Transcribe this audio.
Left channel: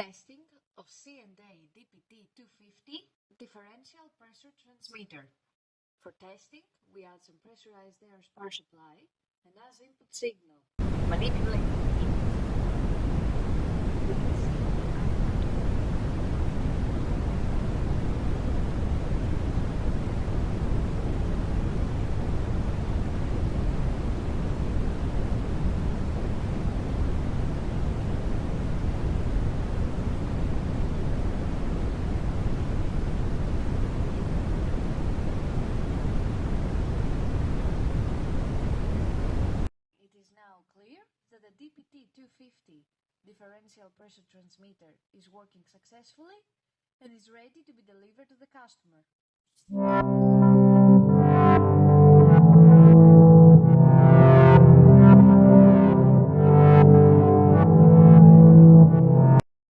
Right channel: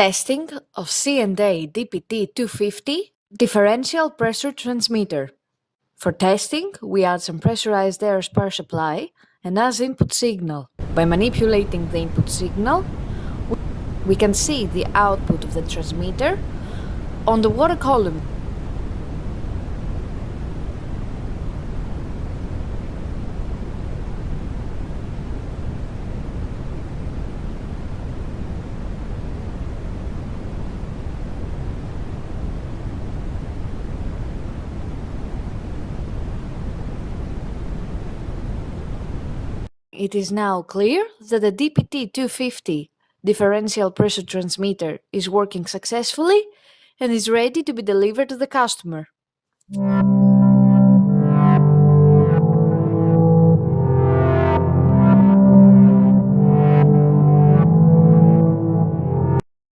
Testing of C&A DPT-250 Differential Pressure Transmitter. For testing, we add some pressurized air power supply and as input signal. By manipulating the input signal, we can see the output of the transmitter on the water column. It is now clear that the DPT-250 differential pressure transmitter is working successfully and is ready to be delivered to the customer.